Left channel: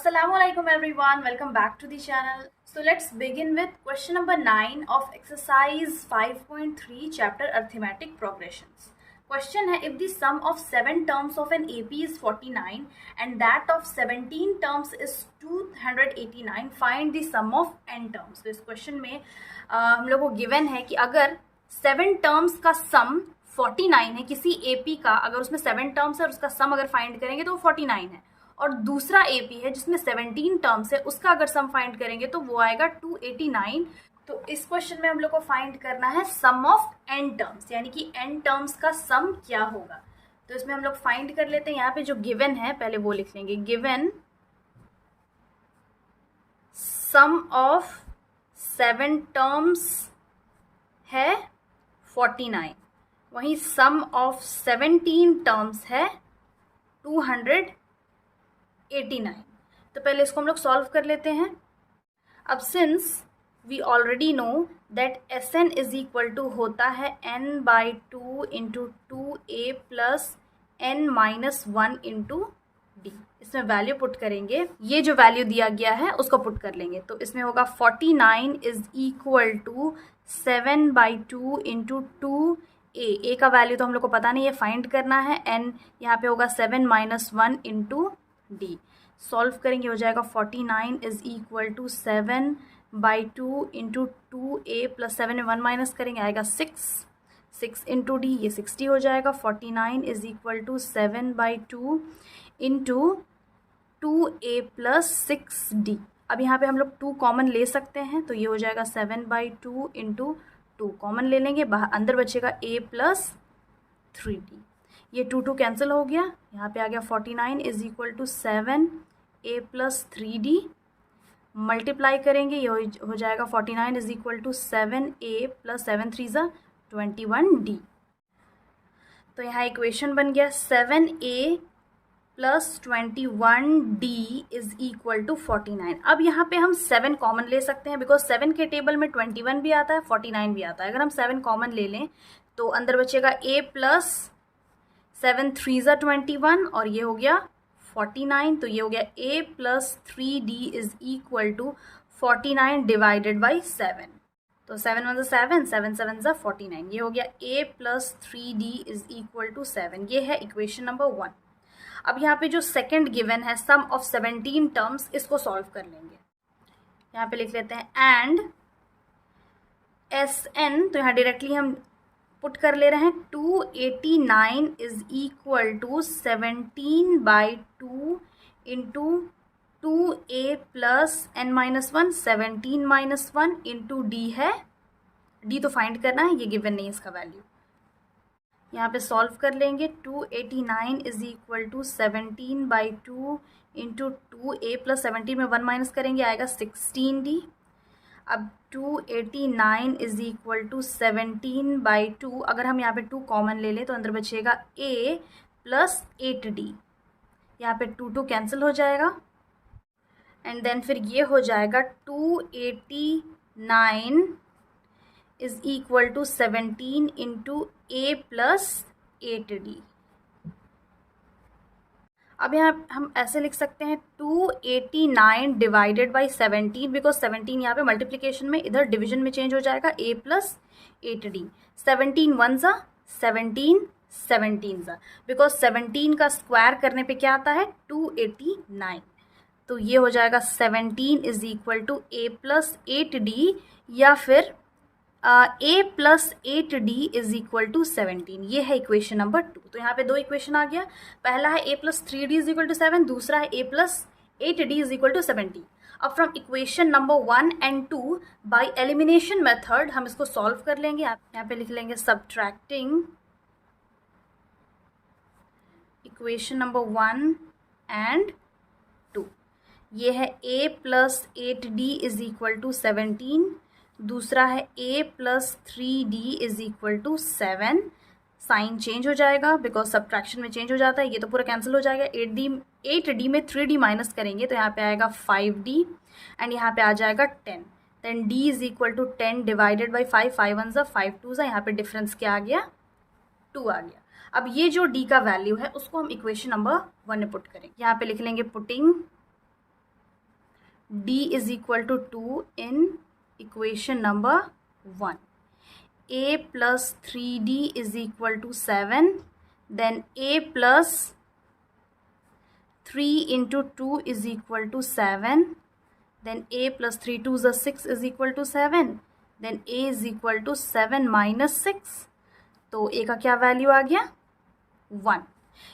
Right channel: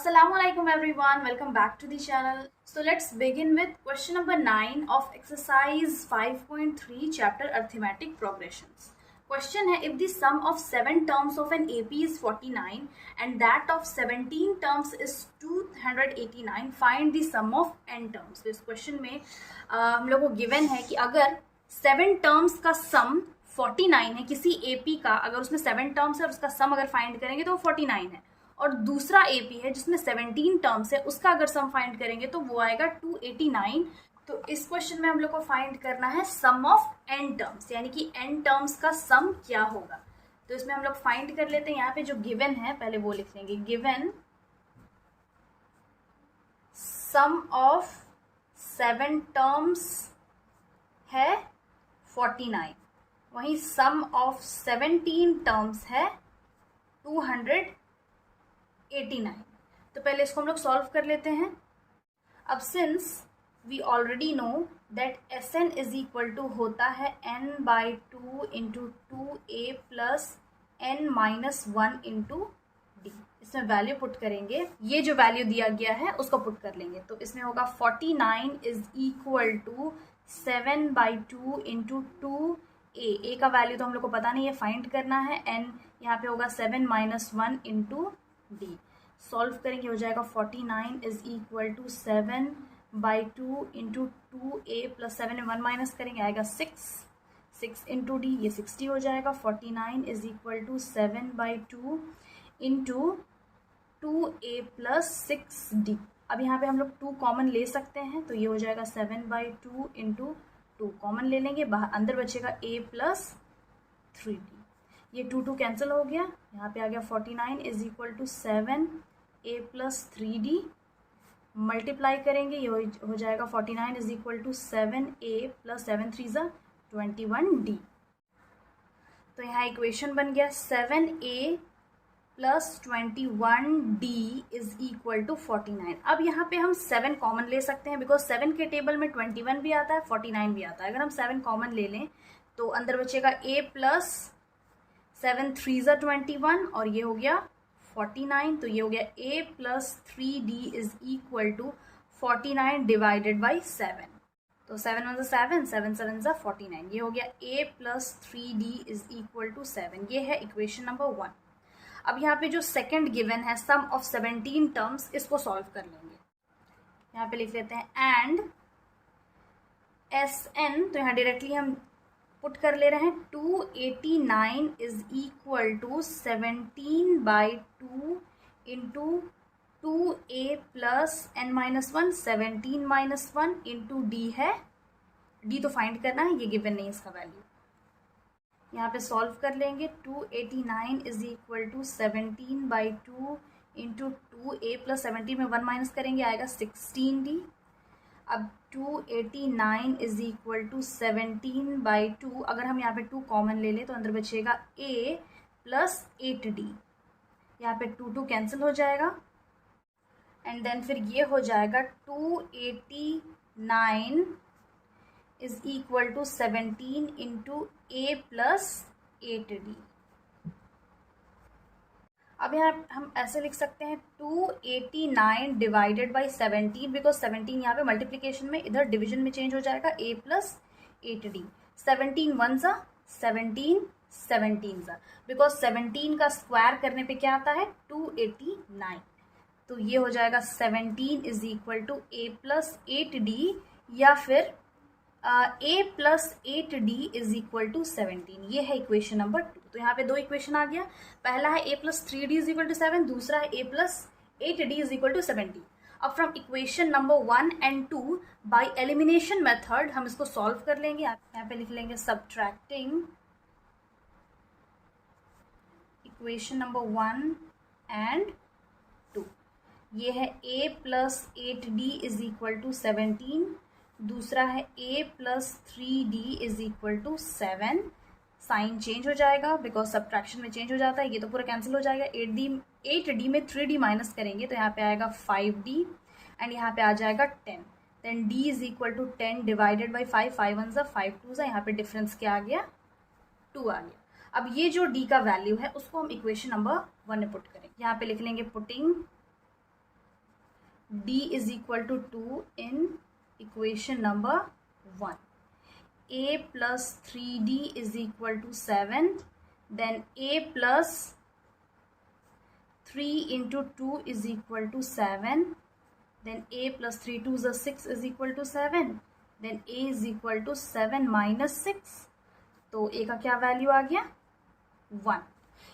Assalamualaikum everyone, welcome back to the channel. So let's begin with question number 9 of exercise 5.3 chapter arithmetic progressions. Question है, if the sum of 7 terms of an AP is 49 and that of 17 terms is 289, find the sum of n terms. तो इस question में हम लोग को given है कि अगर 7 टर्म्स का सम 49 है किसी AP का, अगर उसमें 7 टर्म्स है और उसका सम अगर फाइंड करेंगे तो वो 49 है, और दूसरा AP है जिसमें 17 टर्म्स है, उसका अगर सम फाइंड करेंगे तो वो आएगा 289। तो इस क्वेश्चन में हम लोग को फाइंड करना है सम ऑफ n टर्म्स, यानी कि n टर्म्स का सम क्या होगा। तो इसमें हम लोग फाइंड कर लेते हैं। यहाँ पे जो गिवन है पहले वो लिख लेंगे, गिवन सम ऑफ 7 टर्म्स है 49, वहीं सम ऑफ 17 टर्म्स है 289। तो पहले इसको हम लोग सॉल्व कर लेते हैं। अब since we already know that S N is equal to होता है n/2 into 2a plus n-1 into D. इसमें वैल्यू पुट करेंगे, ये जो वैल्यू दिया गया है उसको पुट कर लेंगे। तो इसमें होगा 49 is equal to 7/2 into 2a। का वैल्यू तो हम लोग को पता नहीं है, फाइंड करना है। n यहाँ पे होगा 7-1 इंटू डी। सॉल्व करेंगे, हो जाएगा 49 is equal to 7/2 into 2a plus 7 में 1 माइनस करेंगे आएगा 6 इंटू डी, ये 60 हो जाएगा। 49 is equal to 7/2 into 2a plus 6d। अब यहाँ पे हम लोग 2 कॉमन ले सकते हैं, तो ये हो जाएगा 7/2 इंटू 2 कॉमन ले लेंगे, बाहर अंदर बचेगा a प्लस 3d। ये 2 कैंसिल हो गया, यहाँ पे आ गया 49 is equal to 7a plus 3d। Multiply करेंगे, ये हो जाएगा 49 is equal to 7a plus 7 3 ज़ा 21d। तो यहाँ इक्वेशन बन गया 7a plus 21d is equal to 49। अब यहाँ पे हम 7 कॉमन ले सकते हैं, बिकॉज 7 के टेबल में 21 भी आता है, 49 भी आता है। अगर हम 7 कॉमन ले लें तो अंदर बचेगा a प्लस 7 3 ज़ा 21 और ये हो गया 49। तो ये हो गया a plus 3d is equal to 49 divided by 7। तो 7 1 ज़ा 7, 7 7 ज़ा 49। ये हो गया a plus 3d is equal to 7। ये है इक्वेशन नंबर 1। अब यहाँ पे जो सेकंड गिवन है सम ऑफ 17 टर्म्स, इसको सॉल्व कर लेंगे। यहाँ पे लिख लेते हैं एंड Sn, तो यहाँ डायरेक्टली हम पुट कर ले रहे हैं 289 is equal to 17/2 into 2a plus n-1, 17-1 into D है। डी तो फाइंड करना है, ये गिवन नहीं इसका वैल्यू। यहाँ पे सॉल्व कर लेंगे, 289 is equal to 17/2 into 2a plus 17 में 1 माइनस करेंगे आएगा 16d। अब 289 इज इक्वल टू 17/2, अगर हम यहाँ पे 2 कॉमन ले लें तो अंदर बचेगा a प्लस 8d। यहाँ पे 2 कैंसिल हो जाएगा एंड देन फिर ये हो जाएगा 289 is equal to 17 into a plus 8d। अब यहाँ हम ऐसे लिख सकते हैं 289 डिवाइडेड बाई 17, बिकॉज 17 यहाँ पे मल्टीप्लिकेशन में, इधर डिवीजन में चेंज हो जाएगा a प्लस 8d। 17 1 ज़ा 17, 17 ज़ा, बिकॉज 17 का स्क्वायर करने पे क्या आता है 289। तो ये हो जाएगा 17 is equal to a plus 8d या फिर a plus 8d is equal to 17। ये है इक्वेशन नंबर 2। तो यहाँ पे 2 इक्वेशन आ गया, पहला है a plus 3d is equal to 7, दूसरा है a plus 8d is equal to 17। अब from equation number 1 and 2 by elimination method हम इसको सॉल्व कर लेंगे। यहाँ पे लिख लेंगे सब्ट्रैक्टिंग इक्वेशन नंबर 1 एंड 2। ये है a plus 8d is equal to 17, दूसरा है a plus 3d is equal to 7। Sign change हो जाएगा बिकॉज सब्ट्रैक्शन में चेंज हो जाता है, ये तो पूरा कैंसिल हो जाएगा। 8d में 3d माइनस करेंगे तो यहाँ पे आएगा 5d एंड यहाँ पे आ जाएगा 10। Then d is equal to 10 divided by 5, 5 1 ज़ा 5 2 ज़ा, यहाँ पे डिफरेंस क्या आ गया 2 आ गया। अब ये जो d का वैल्यू है उसको हम इक्वेशन नंबर 1 में पुट करेंगे। यहाँ पे लिख लेंगे putting d is equal to 2 in equation number 1. a plus 3d is equal to 7. Then a plus 3 into 2 is equal to 7. Then a plus 3 2 is 6 is equal to 7. Then a is equal to 7 minus 6. तो a का क्या value आ गया 1.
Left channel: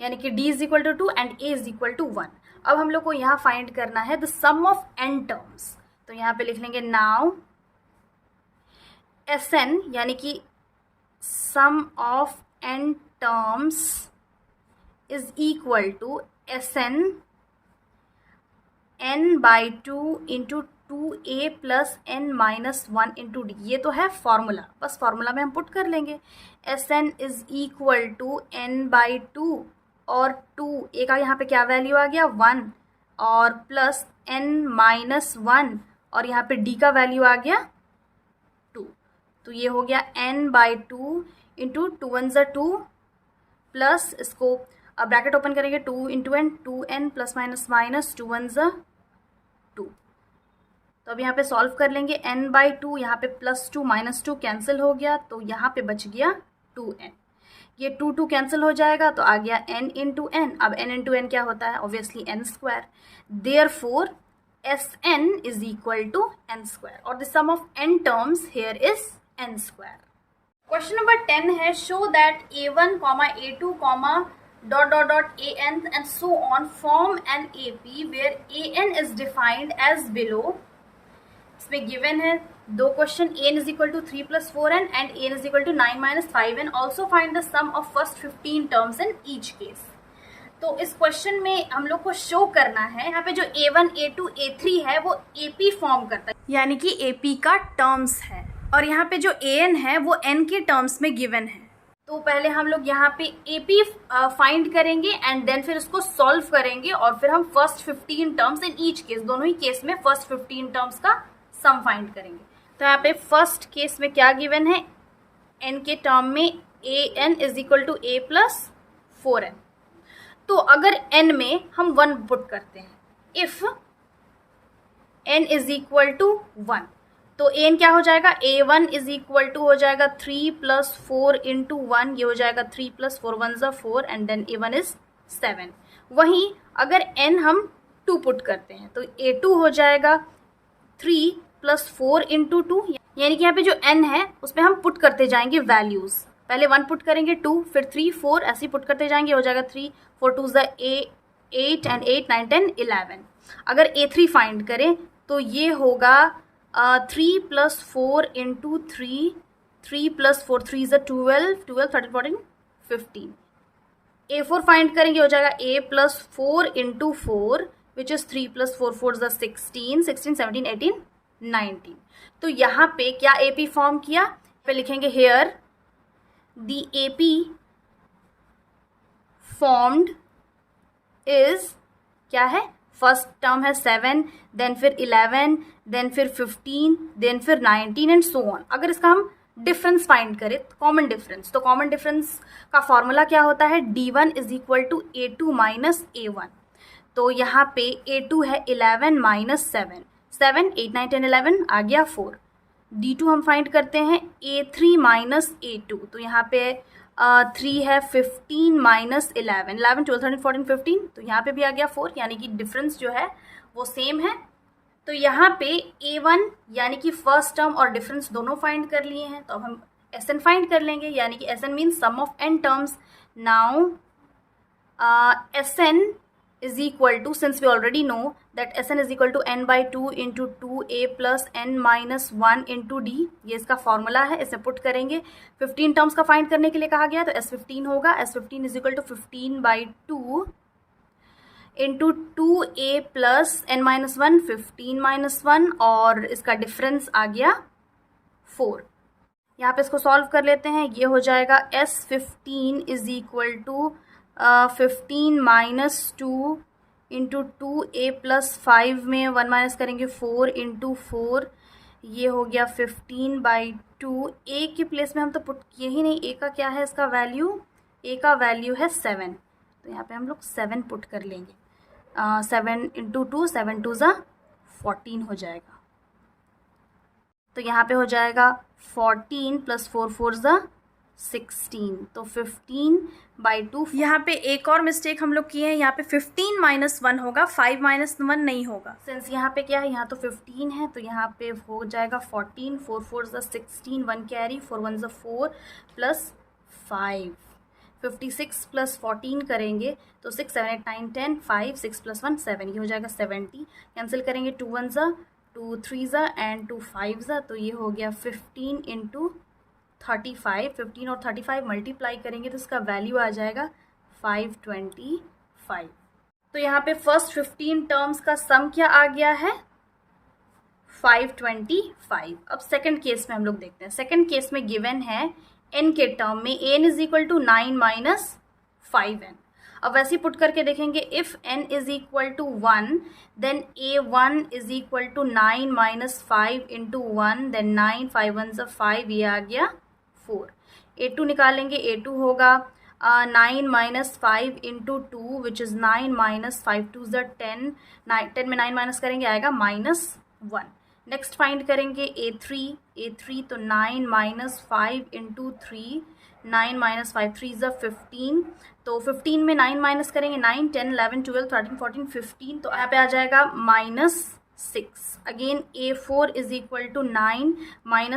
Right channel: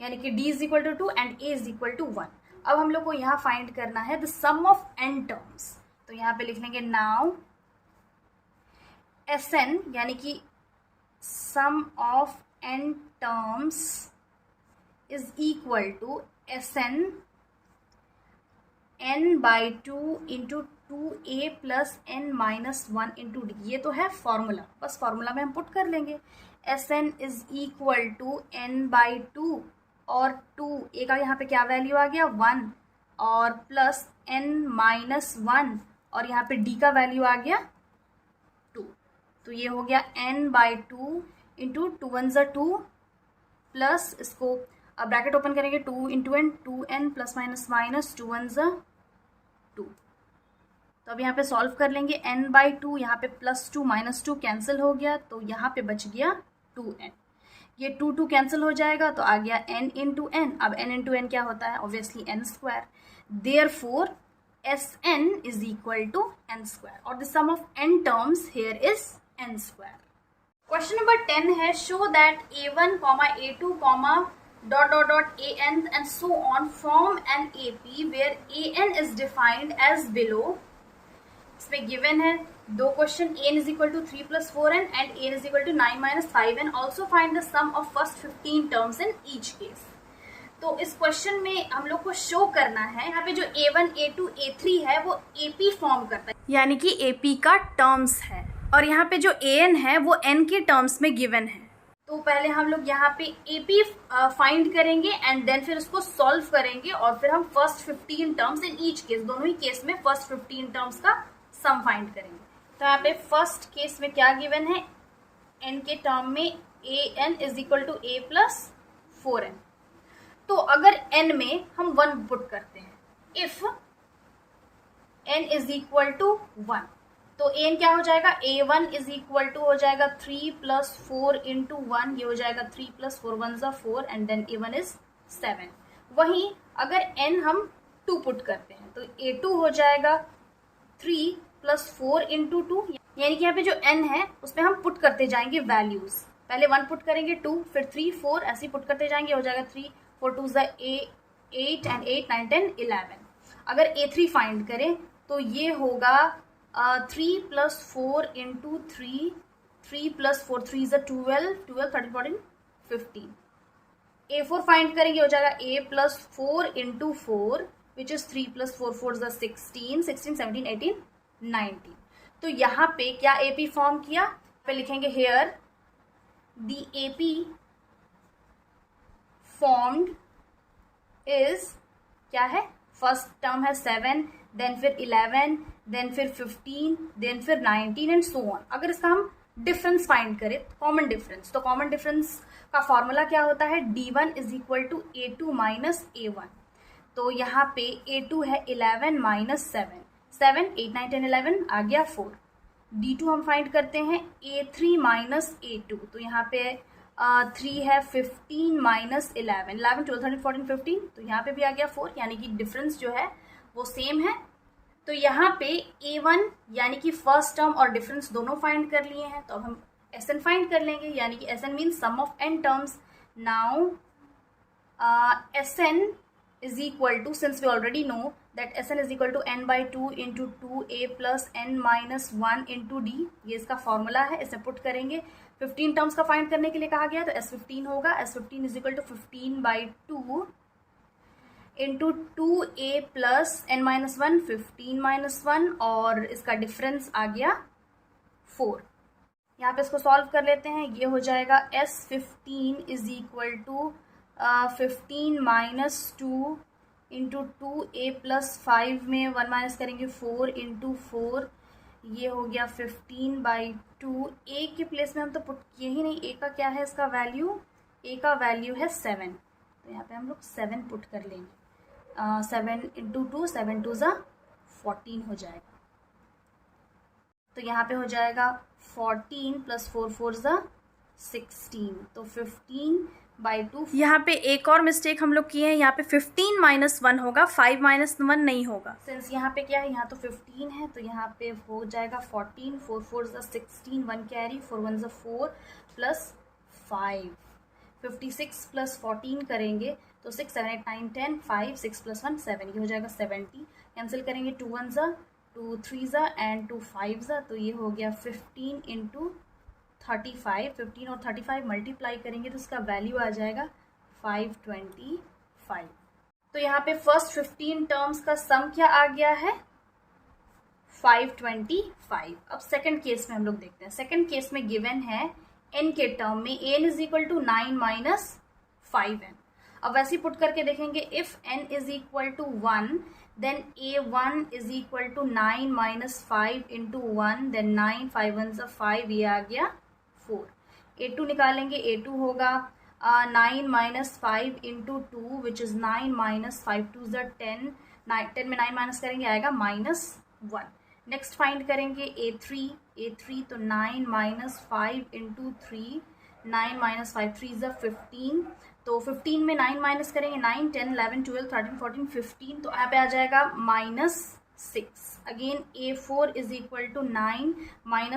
यानी कि d is equal to 2 and a is equal to 1. अब हम लोग को यहाँ फाइंड करना है the sum of n terms. तो यहाँ पे लिख लेंगे नाउ Sn यानी कि sum of n terms is equal to Sn n by 2 into 2a plus n minus 1 into d. ये तो है फॉर्मूला, बस फॉर्मूला में हम पुट कर लेंगे. Sn is equal to n by 2 और 2 a का यहाँ पे क्या वैल्यू आ गया 1 और प्लस n माइनस 1 और यहाँ पे d का वैल्यू आ गया 2. तो ये हो गया n बाई 2 इंटू 2 1 ज़ा 2 प्लस इसको अब ब्रैकेट ओपन करेंगे 2 into n 2n plus minus minus 2 1 ज़ा 2. तो अब यहाँ पे सॉल्व कर लेंगे n बाई 2. यहाँ पे प्लस 2 माइनस 2 कैंसिल हो गया तो यहाँ पे बच गया 2n. ये 2 2 कैंसिल हो जाएगा तो आ गया n इंटू एन. अब n इंटू एन क्या होता है obviously n square. Therefore Sn is equal to n square or the sum of n terms here is n square. Question number 10 है show that a1, a2, dot dot dot an and so on form an AP where an is defined as below. इसमें given है दो question an is equal to 3 plus 4n and an is equal to 9 minus 5n. Also find the sum of first 15 terms in each case. तो इस question में हम लोग को show करना है यहाँ पे जो a1, a2, a3 है वो AP फॉर्म करता है यानी कि AP का टर्म्स है और यहाँ पे जो an है वो n के टर्म्स में गिवन है. तो पहले हम लोग यहाँ पे AP फाइंड करेंगे एंड देन फिर उसको सॉल्व करेंगे और फिर हम first 15 terms in each case दोनों ही केस में फर्स्ट 15 टर्म्स का सम फाइंड करेंगे. तो यहाँ पे फर्स्ट केस में क्या गिवन है n के टर्म में an is equal to a plus 4n. तो अगर n में हम 1 पुट करते हैं if n is equal to 1 तो an क्या हो जाएगा a1 इज इक्वल टू हो जाएगा 3 प्लस 4 इंटू 1. ये हो जाएगा 3 प्लस 4 1 ज़ा 4 एंड देन a1 इज 7. वहीं अगर n हम 2 पुट करते हैं तो a2 हो जाएगा 3 प्लस 4 इंटू 2. यानी कि यहाँ पे जो n है उसमें हम पुट करते जाएंगे वैल्यूज. पहले 1 पुट करेंगे 2 फिर 3 4 ऐसे ही पुट करते जाएंगे. हो जाएगा 3 4 2 ज़ा 8 एंड 8 9 10 11. अगर a3 फाइंड करें तो ये होगा 3 प्लस 4 इंटू 3 प्लस 4 3 ज़ा 12 13 14 15. a4 फाइंड करेंगे हो जाएगा a plus 4 into 4 which is 3 plus 4 4 ज़ा 16 17 18 19. तो यहाँ पे क्या AP फॉर्म किया पे लिखेंगे here the AP formed is क्या है फर्स्ट टर्म है 7 देन फिर 11 देन फिर 15 देन फिर 19 एंड सो ऑन. अगर इसका हम डिफरेंस फाइंड करें कॉमन डिफरेंस तो कॉमन डिफरेंस का फॉर्मूला क्या होता है d1 is equal to a2 minus a1. तो यहाँ पे a2 है 11 माइनस 7 8 9 10 11 आ गया 4. d2 हम फाइंड करते हैं a3 माइनस a2 तो यहाँ पे 3 है 15 माइनस 11 12 13 14 15 तो यहाँ पे भी आ गया 4. यानी कि डिफरेंस जो है वो सेम है. तो यहाँ पे a1 यानी कि फर्स्ट टर्म और डिफरेंस दोनों फाइंड कर लिए हैं. तो अब हम Sn फाइंड कर लेंगे यानी कि Sn means sum of n terms. Now Sn is equal to, since we already know that Sn is equal to n by 2 into 2a plus n minus 1 into d. ये इसका formula है, इसे put करेंगे. 15 terms का find करने के लिए कहा गया है तो S15 होगा. S15 is equal to 15 by 2 into 2a plus n minus 1 15 minus 1 और इसका डिफरेंस आ गया 4. यहाँ पे इसको सॉल्व कर लेते हैं. ये हो जाएगा S15 is equal to 15 minus 2 into 2a plus 5 में 1 माइनस करेंगे 4 इंटू 4. ये हो गया 15 बाई 2. a के प्लेस में हम तो पुट किए ही नहीं. a का क्या है इसका वैल्यू, a का वैल्यू है 7 तो यहाँ पे हम लोग 7 पुट कर लेंगे. 7 इंटू 2 7 2 ज़ा 14 हो जाएगा। तो यहाँ पे हो जाएगा 14 + 4 4 = 16, तो 15/2। यहाँ पे एक और मिस्टेक हम लोग किए हैं, यहाँ पे 15 - 1 होगा, 5 - 1 नहीं होगा। सिंस यहाँ पे क्या है, यहाँ तो 15 है, तो यहाँ पे हो जाएगा 14, 4 4 = 16, 1 कैरी, 4 1 = 4 + 5, 56 + 14 करेंगे तो 6 7 8 9 10, 5 6 + 1 7, ये हो जाएगा 70। कैंसिल करेंगे, 2 1 = 2 3 एंड 2 5, तो ये हो गया 15 × 35। 15 और 35 मल्टीप्लाई करेंगे तो इसका वैल्यू आ जाएगा 525। तो यहाँ पे फर्स्ट 15 टर्म्स का सम क्या आ गया है, 525। अब सेकंड केस में हम लोग देखते हैं। सेकंड केस में गिवन है n के टर्म में n = 9 - 5n। अब वैसे ही पुट करके देखेंगे, if n = 1 then a1 = 9 - 5 × 1, then 9 5 1 = 5, ये आ गया 4। a2 निकालेंगे, a2 होगा 9 - 5 × 2 विच इज़ 9 - 5 2 = 10, 10 में 9 माइनस करेंगे आएगा -1। नेक्स्ट फाइंड करेंगे a3 तो 9 - 5 × 3, 9 - 5 3 = 15, तो 15 में 9 माइनस करेंगे 9 10 11 12 13 14 15, तो यहाँ पे आ जाएगा -6। अगेन a4 = 9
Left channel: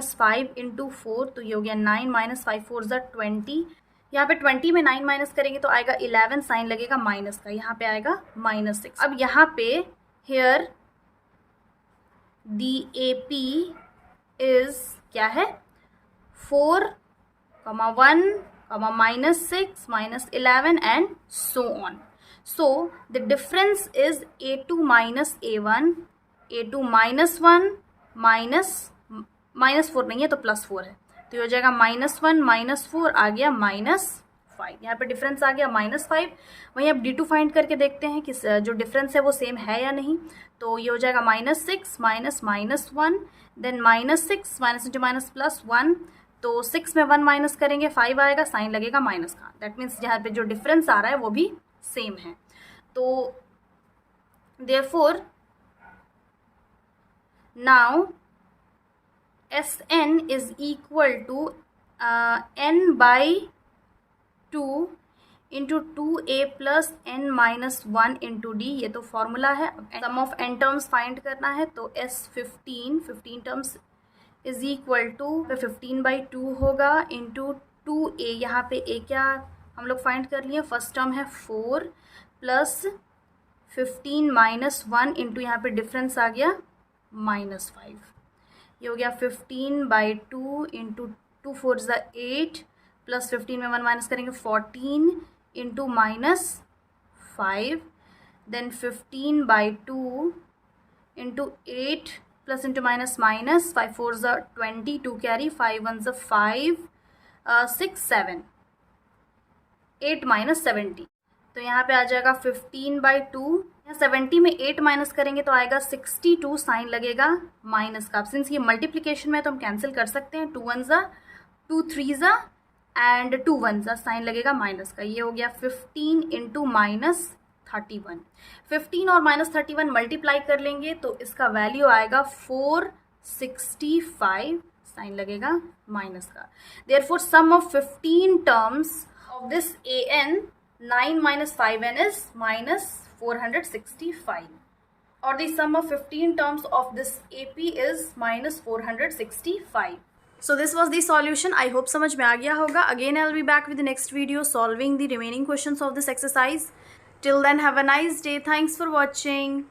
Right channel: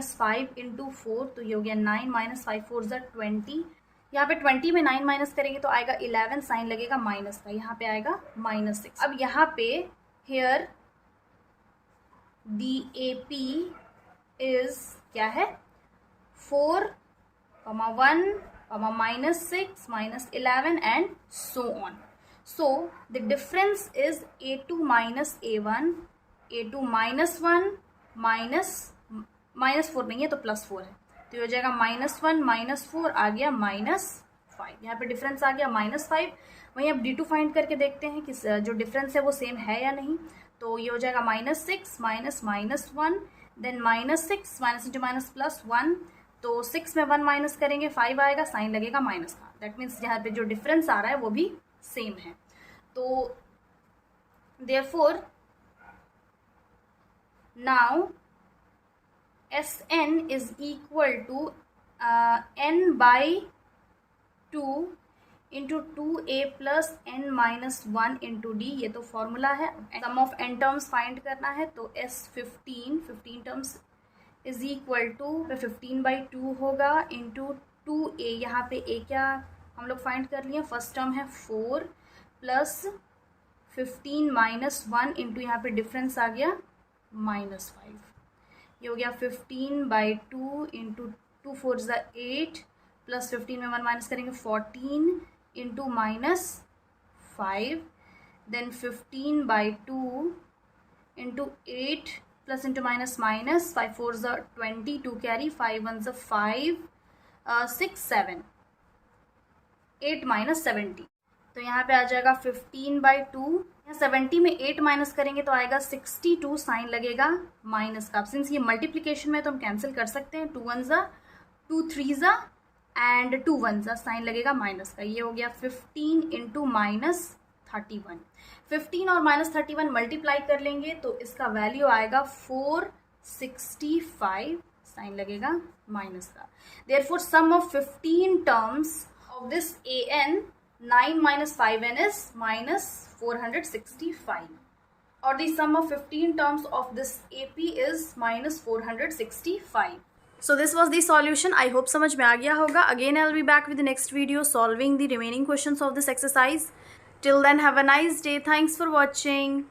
- 5 × 4, तो ये हो गया 9 - 5 4 = 20। यहाँ पे 20 में 9 माइनस करेंगे तो आएगा 11, साइन लगेगा माइनस का, यहाँ पे आएगा -6। अब यहाँ पे हेयर दी AP इज क्या है, 4, -1, -6, -11 and so on. So the difference is a2 - a1, a2 - 1 -4 नहीं है तो +4 है, तो ये हो जाएगा -1 -4 आ गया -5। यहाँ पे डिफरेंस आ गया -5। वहीं अब D2 फाइंड करके देखते हैं कि जो डिफरेंस है वो सेम है या नहीं। तो ये हो जाएगा -6 -1, देन -6 -× +1, तो 6 में 1 माइनस करेंगे 5 आएगा, साइन लगेगा माइनस का। दैट मीन्स यहाँ पे जो डिफरेंस आ रहा है वो भी सेम है। तो therefore now Sn is equal to n/2 × 2a + n - 1 × d, ये तो फॉर्मूला है। सम ऑफ n टर्म्स फाइंड करना है, तो S15 terms is equal to 15/2 होगा इंटू 2a, यहाँ पे a क्या हम लोग फाइंड कर लिए, फर्स्ट टर्म है 4 + 15 - 1 इंटू यहाँ पे डिफरेंस आ गया -5, ये हो गया 15/2 इंटू 2 4 = 8 + 15 में 1 माइनस करेंगे 14 into -5, then 15/2 into 8 plus into minus, 5 4 = 20, 2 carry, 5 1 = 5, 6 7 8 - 70, तो यहाँ पे आ जाएगा 15/2। 70 में 8 माइनस करेंगे तो आएगा 62, साइन लगेगा माइनस का। सिंस ये मल्टीप्लिकेशन में तो हम कैंसिल कर सकते हैं, 2 1 = 2 3 एंड 2 1 साइन लगेगा माइनस का। ये हो गया 15 इंटू -31। 15 और -31 मल्टीप्लाई कर लेंगे तो इसका वैल्यू आएगा 465, साइन लगेगा माइनस का। Therefore sum of 15 terms of this an 9 - 5n is -465, or the sum of 15 terms of this AP is -465. So this was the solution. I hope समझ में आ गया होगा. Again I'll be back with the next video solving the remaining questions of this exercise. Till then, have a nice day. Thanks for watching.